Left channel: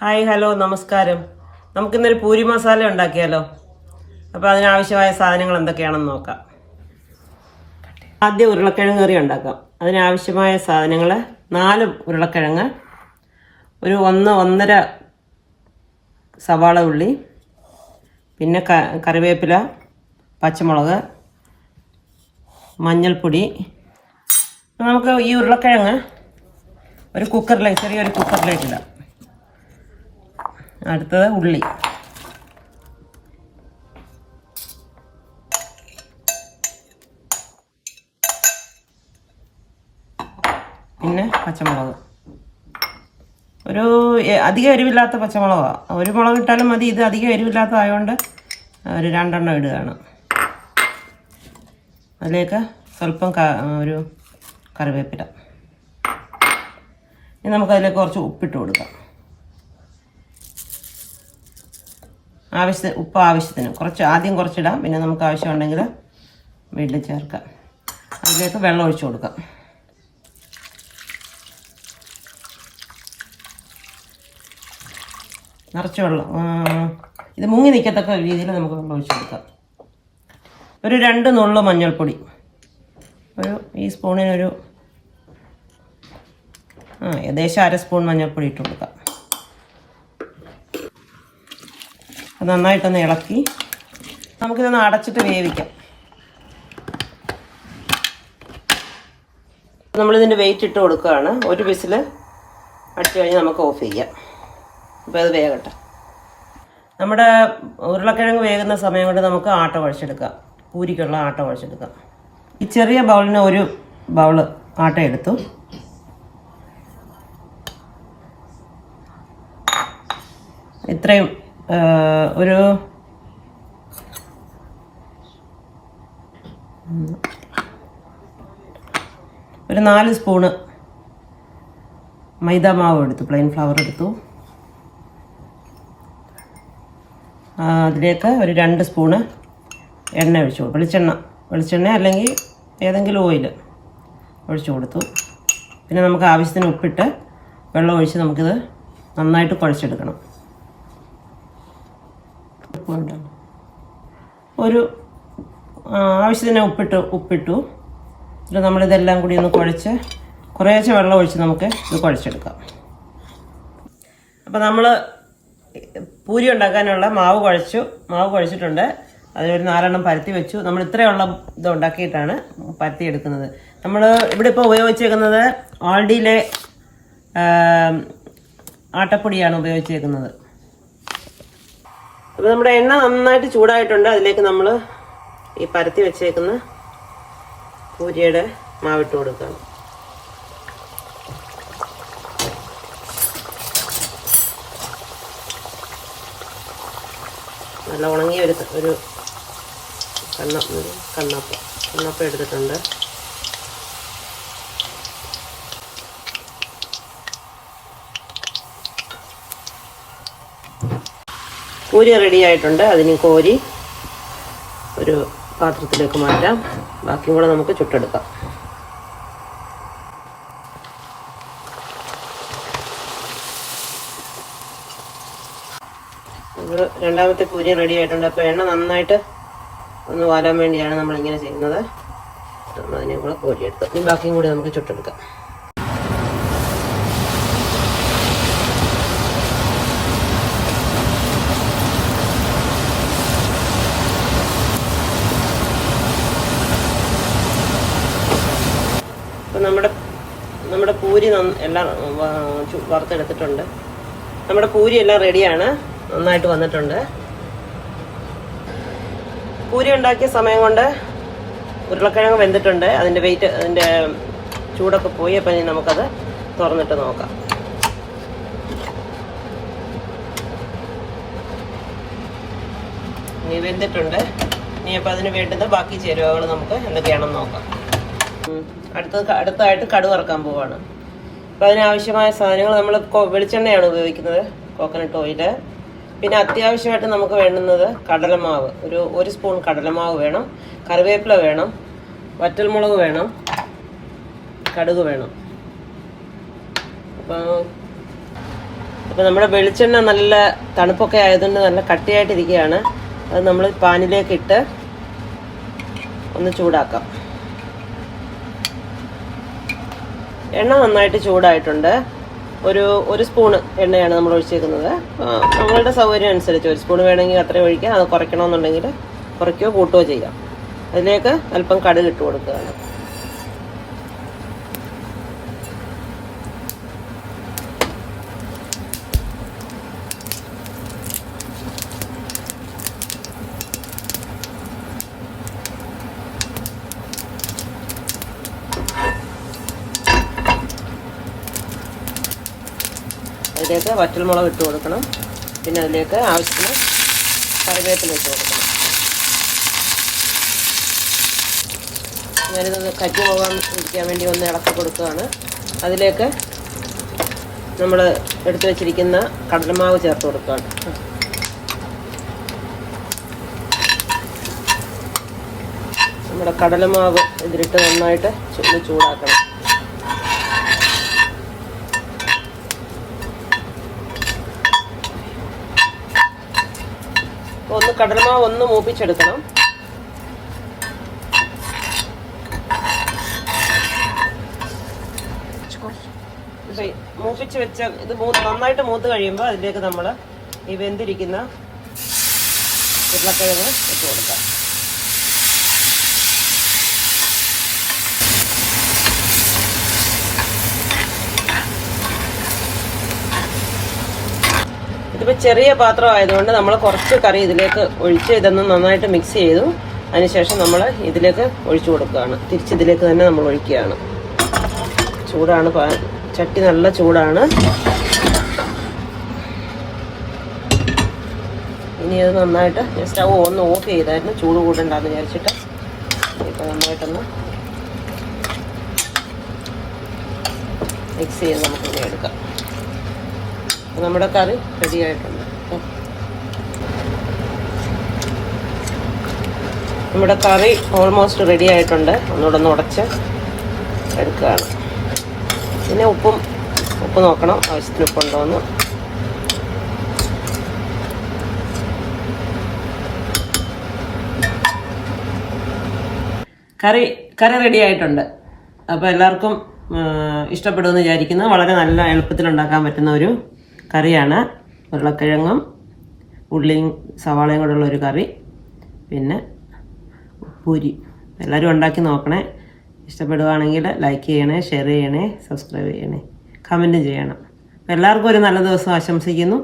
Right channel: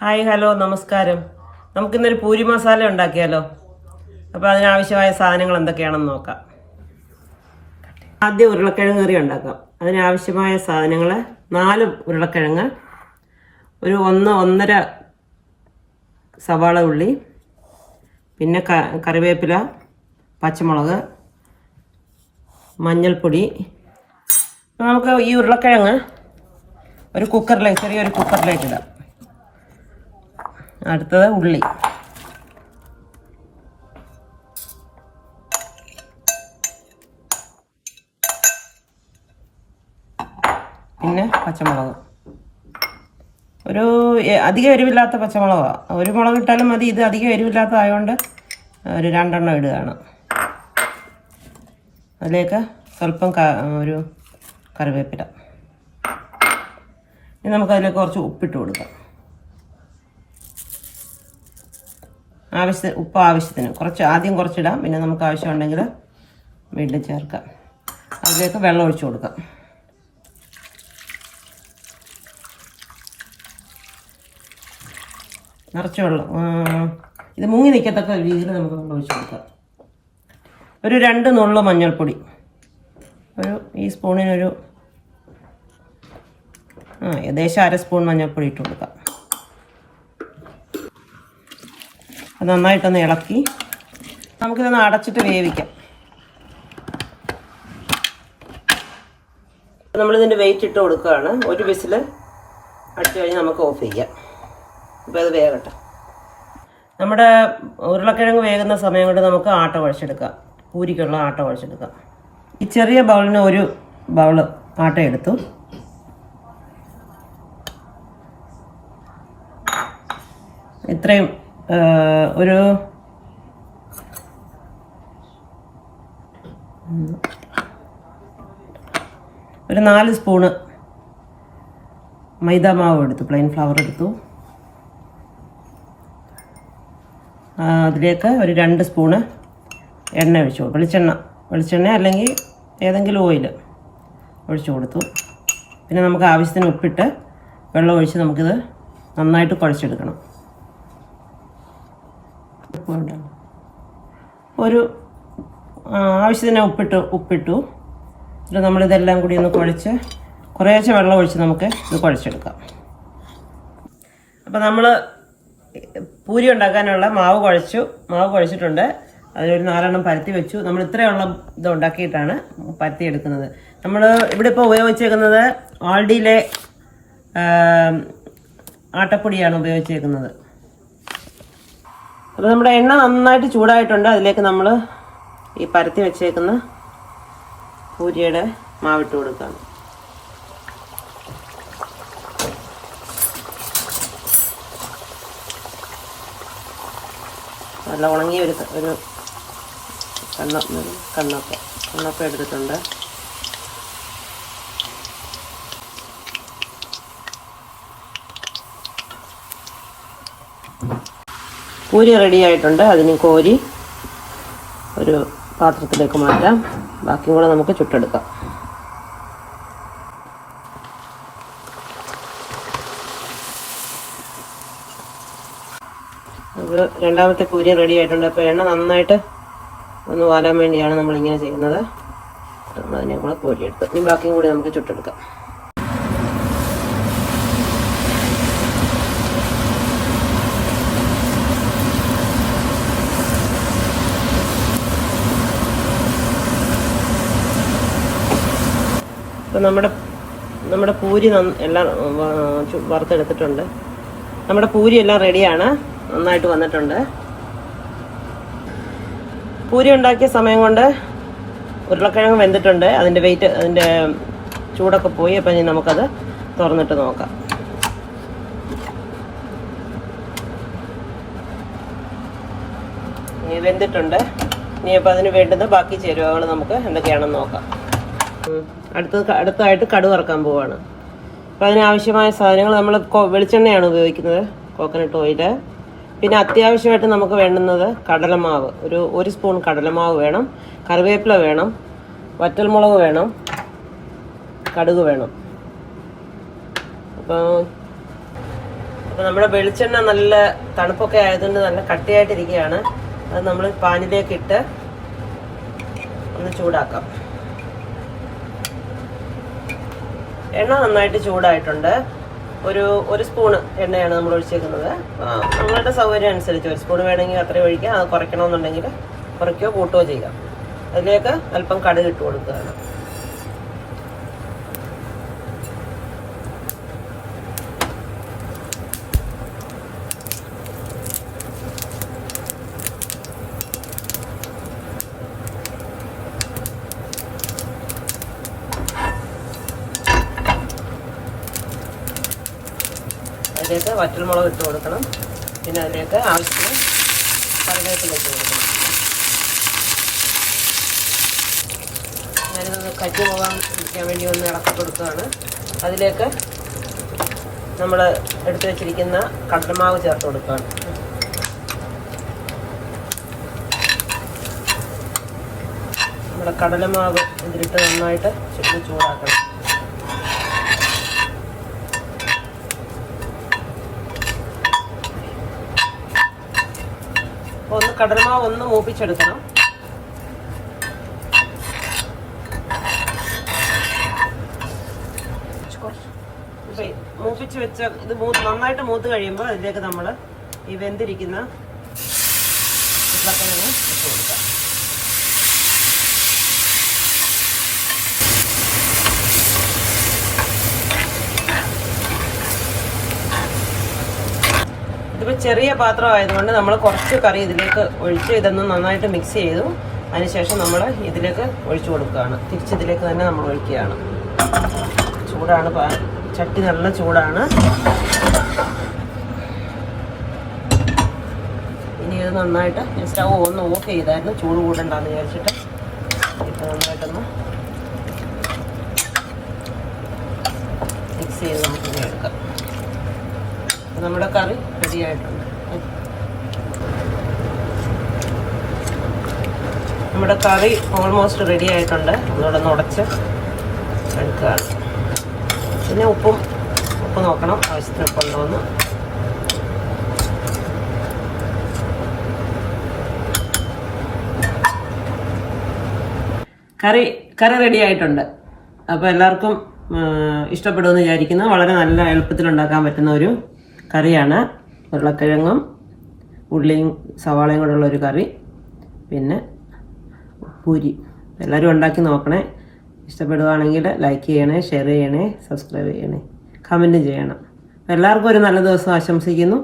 Hi hello നമസ്കാരം. നമുക്കിന്നൊരു പൂരി മസാല ഉണ്ടാക്കിയാലോ? അപ്പോൾ അതിനാവശ്യമായ സാധനങ്ങൾ എന്തൊക്കെയാണെന്ന് നോക്കാം. ആദ്യം ഉരുളക്കിഴങ്ങ് കറി ഉണ്ടാക്കാം. അതിനാവശ്യമായ സാധനങ്ങൾ 4 ഉരുളക്കിഴങ്ങ്, ഒരു 1-1.5 സവാള ഉള്ളി, പിന്നെ കറിവേപ്പില, പച്ചമുളക്, മഞ്ഞൾപ്പൊടി. നമുക്ക് ഈ ഉരുളക്കിഴങ്ങ് ഒരു ചെറിയൊരു കുക്കറിലേക്ക് ഇടാം. അടുത്തത് ഉള്ളി, പിന്നെ പച്ചമുളക്. ഒരു അധികം എരിവില്ലാത്ത പച്ചമുളകാണ്. ഒരു മുളക് ഇട്ടാലും മതി. ഇത് അധികം എരിവില്ലാത്തതായതുകൊണ്ട് ഒരു 2 എണ്ണം ഇടുകയാണ്. അതിലേക്ക് സ്വല്പം ഒരു കറിവേപ്പില. ഇനി നമുക്കതിലേക്ക് കുറച്ച് ഉപ്പിട്ട് കൊടുക്കാം. ഉപ്പ് ആവശ്യത്തിന് ആദ്യം കുറച്ചിടാം, പിന്നെ നമുക്ക് ആവശ്യമുണ്ടെങ്കിൽ വീണ്ടും ചേർക്കാം. അതിലേക്ക് വെള്ളം ഒഴിച്ചു കൊടുക്കാം. നിറച്ച് വെള്ളം, ഇത് മുങ്ങി നിൽക്കത്തക്ക രീതിയിൽ നമുക്ക് വെള്ളം ഒഴിച്ചു കൊടുക്കാം. ഒരു 2 നുള്ളു മഞ്ഞൾപ്പൊടി, ഈ സ്പൂണിനൊരു ഏകദേശം 1/2 സ്പൂൺ മഞ്ഞൾപ്പൊടി ഇട്ട് കൊടുക്കാം. അത് നന്നായിട്ടൊന്ന് ഇളക്കി നമുക്കിതൊന്ന് അടച്ചിട്ട് വേവിക്കാം. നമ്മളിതിൻ്റെ വെയിറ്റ് ഇട്ട് കൊടുക്കുകയാണ്. ഒരു വിസിൽ അടിച്ചു കഴിഞ്ഞ് നമുക്ക് ഓഫ് ചെയ്യാം. അപ്പോൾ അത് വേകട്ടെ. നമ്മുടെ ഉരുളക്കിഴങ്ങ് വേകുന്ന സമയം കൊണ്ട് നമുക്ക് ആട്ട കുഴച്ചെടുക്കാം. പൂരിക്കുള്ള ആട്ട കുഴച്ചെടുക്കാം. ഈ ചെറിയ ബൗളിന് ഒരു ബൗള് ആട്ട എടുത്തു. ഇത്രയും ഒരു 4 സ്പൂണ് മൈദ മാവ് എടുത്തു, പ്ലെയിൻ ഫ്ലവർ എടുത്തു. അതിലേക്ക് ഒരു 2 സ്പൂണ് എണ്ണ ഒഴിച്ചു, വെളിച്ചെണ്ണ അല്ലെങ്കിൽ ഏതെങ്കിലും ഓയിൽ ഒഴിച്ചു കൊടുത്തു. പിന്നെ നമുക്ക് ആവശ്യത്തിന് ഉപ്പിട്ട് വെള്ളം ഒഴിച്ച് നമുക്കിത് നന്നായിട്ട് കുഴച്ചെടുക്കണം. ഒരു ആവശ്യത്തിന് ഉപ്പിട്ടു. എന്നിട്ട് നമ്മളിതെല്ലാം കൂടി ഒന്ന് കുഴച്ച് കുറേശ്ശെ വെള്ളം ഒഴിച്ച് നമുക്ക് ഇത് കുഴച്ചെടുക്കാം. അപ്പോൾ നമ്മൾ പൂരി ഉണ്ടാക്കാനുള്ള മാവ് കുഴച്ചിട്ടുണ്ട്. അതിലൊരു 4 എണ്ണം പരത്തി വെച്ചു. നമ്മൾ ഇത്രയുള്ള ഇത് ഉണ്ടാക്കിയിട്ടാണ് പരത്തിയെടുക്കുന്നത്. നമ്മൾ ഇവിടെ ഇപ്പോൾ ഉപയോഗിച്ചേക്കുന്നത് ആൾഡിയിലെ ആട്ടപ്പൊടിയാണ് ഉപയോഗിച്ചേക്കുന്നത്. അപ്പോൾ നമ്മുടെ എണ്ണ നന്നായിട്ട് ചൂടായിട്ടുണ്ട്. അതിലേക്ക് നമ്മൾ ഈ പരത്തി വെച്ചേക്കുന്ന പൂരിയുടെ മാവിട്ട് കൊടുക്കാം. നല്ല ഉണങ്ങിയ ഒരു കണ്ണൊക്കെ എടുത്തിട്ടുണ്ട്. പൂരി റെഡി ആയിട്ടുണ്ട്. അതിന് കോരി ഒരു പാത്രത്തിലേക്ക് മാറ്റാം. ബാക്കി കൂടെ നമുക്ക് ചുട്ടെടുക്കാം. രണ്ടാമത്തെ പൂരി റെഡി ആയിട്ടുണ്ട്. അപ്പോൾ എണ്ണ നന്നായിട്ട് ഒന്ന് വാലാൻ വേണ്ടിയാണ് നമ്മളിങ്ങനെ ചെയ്യുന്നത്. അതിനെ കൂടെ കോരിയെടുത്ത് ഇനി ബാക്കിയും കൂടി നമുക്ക് ചുട്ടെടുക്കാം. നമ്മുടെ പൂരി എല്ലാം വറുത്തെടുത്തിട്ടുണ്ട്. നമ്മുടെ പൂരി എല്ലാം റെഡിയാണ്, നന്നായിട്ട് വന്നിട്ടുണ്ട്. പൂരി ഉണ്ടാക്കിയ സമയം കൊണ്ട് ഉരുളക്കിഴങ്ങ് വെന്തിട്ടുണ്ട്. അതിൻ്റെ ചൂടൊക്കെ പോയി. അപ്പം ഇനി നമുക്കത് തുറന്നിട്ട് നോക്കാം. വെന്തിട്ടുണ്ട്. ഇനി അപ്പോൾ അതിന് വേണ്ടുന്ന ബാക്കി ചേരുവകൾ നമുക്ക് എന്തൊക്കെയാണെന്ന് നോക്കാം. അടുത്തായിട്ട് കടുക് വറുക്കാൻ പോവാണ്. അപ്പോൾ അതിനാവശ്യമായ സാധനങ്ങൾ നമ്മൾ വെളിച്ചെണ്ണയാണ് ഉപയോഗിക്കുന്നത്, കോക്കനട്ട് ഓയില്. പിന്നെ അത്യാവശ്യമായിട്ട് നമുക്ക് വേണ്ടുന്നത് കടലമാവ്, ഒരു സ്പൂൺ കടലമാവ് വേണം, കറിവേപ്പില വേണം, വറ്റൽമുളക് വേണം, കടുക് വേണം. അപ്പോൾ അപ്പോൾ നമ്മുടെ വെളിച്ചെണ്ണ നല്ല തണുപ്പൊക്കെ ആയതുകൊണ്ട് നല്ല കട്ടിയായിട്ടിരിക്കുകയാണ്. അത് നമ്മൾ പാനിലേക്ക് ഇട്ട് ഒന്ന് ചൂടാക്കാം. എണ്ണ നന്നായിട്ട് ചൂടായിട്ടുണ്ട്. ഒരു സ്പൂണ് എണ്ണയാണ് നമ്മൾ ഒഴിച്ചേക്കുന്നത്. നമ്മളുടെ സൗകര്യം അനുസരിച്ച് 1 സ്പൂൺ വേണമെങ്കിൽ അത്രയും ഒഴിക്കാം. അത് കുറയ്ക്കണമെന്നുണ്ടെങ്കിൽ കുറയ്ക്കുകയോ കൂട്ടുകയോ ചെയ്യാം. അതിലേക്ക് അല്പം കടുക് ഇട്ട് കൊടുക്കുകയാണ്. അതിലേക്ക് വറ്റൽമുളക് ഇട്ട് കൊടുക്കണം. പിന്നെ അതിലേക്ക് ആവശ്യത്തിന് കറിവേപ്പില ഇട്ട് കൊടുക്കണം. ഞാനിത് കറ്റി പോകാൻ ഇരിക്കാൻ വേണ്ടി ഒന്ന് ഇളക്കി കൊടുക്കുകയാണ്. അതിലേക്ക് നമ്മൾ എടുത്തു വെച്ചിരിക്കുന്ന കടലമാവ് ചേർത്ത് കൊടുക്കുകയാണ്. നമ്മുടെ കടലമാവ് ഇതിലിട്ട് നന്നായിട്ട് ചൂടാക്കണം. കടലമാവ് ഒന്ന് മൂപ്പിച്ചെടുക്കണം. മൂപ്പിച്ച് വെച്ച ഇത് നന്നായിട്ട് മൂത്ത് കഴിയുമ്പോൾ അതിലേക്ക് നമ്മൾ ഈ വെന്തിരിക്കുന്ന ഉരുളക്കിഴങ്ങ് ഇട്ട് കൊടുക്കാം. ഇതിപ്പോൾ ചെറിയ പാത്രം ആയതുകൊണ്ട് നമ്മൾ കുറച്ച് കറി ഇതിലേക്ക് ഒഴിച്ച് ഇതൊന്ന് നന്നായിട്ട് മിക്സ് ചെയ്തു. അതിനുശേഷം നമ്മൾ ഇതിലേക്ക് ഒഴിച്ചു കൊടുക്കുകയാണ്. തിരിച്ചിതിലേക്ക് തന്നെ നമ്മൾ ഒഴിക്കുകയാണ്. ചൂടാണ്, ചട്ടി നല്ല ചൂടാണ്. ഇനി അത് നന്നായിട്ട് സ്റ്റൗ ഒന്ന് ഓഫ് ചെയ്തായിരുന്നു, ചൂട് കൂട്ടുണ്ടാന്ന് വിചാരിച്ചിട്ട്. ഇപ്പം നന്നായിട്ടൊന്ന് മിക്സ് ചെയ്ത് നമുക്ക് എടുക്കാം. നമ്മുടെ കറി റെഡി ആയിട്ടുണ്ട്. നമ്മുടെ കറി ഓൾമോസ്റ്റ് റെഡി ആയിട്ടുണ്ട്. ഒന്നുകൂടെ ഒന്ന് ഉടച്ച് എടുക്കുക. പിന്നെ ഉപ്പ് നോക്കണം, ആവശ്യത്തിന് ഉപ്പുണ്ടോ എന്ന്. കറി റെഡി ആയിട്ടുണ്ട്. അപ്പോൾ എല്ലാവർക്കും ഇഷ്ടപ്പെടുമെന്ന് വിചാരിക്കുന്നു. വളരെ നല്ല എളുപ്പത്തിൽ ഉണ്ടാക്കാൻ പറ്റുന്ന ഒരു കറിയാണ്. ഉരുളക്കിഴങ്ങും ഉള്ളിയും സവാളയും കൂടെയുള്ള ഒരു കറി, പിന്നെ പൂരി. എല്ലാവരും ഉണ്ടാക്കി നോക്കണേ. ഇഷ്ടപ്പെടുകയാണെങ്കിൽ ലൈക്ക് ചെയ്യണേ, ഷെയർ ചെയ്യണേ, സബ്സ്ക്രൈബ് ചെയ്യണേ, കമൻറ്റും ചെയ്യണം. എല്ലാവർക്കും ഒരു നല്ല ദിവസം ആശംസിക്കുന്നു.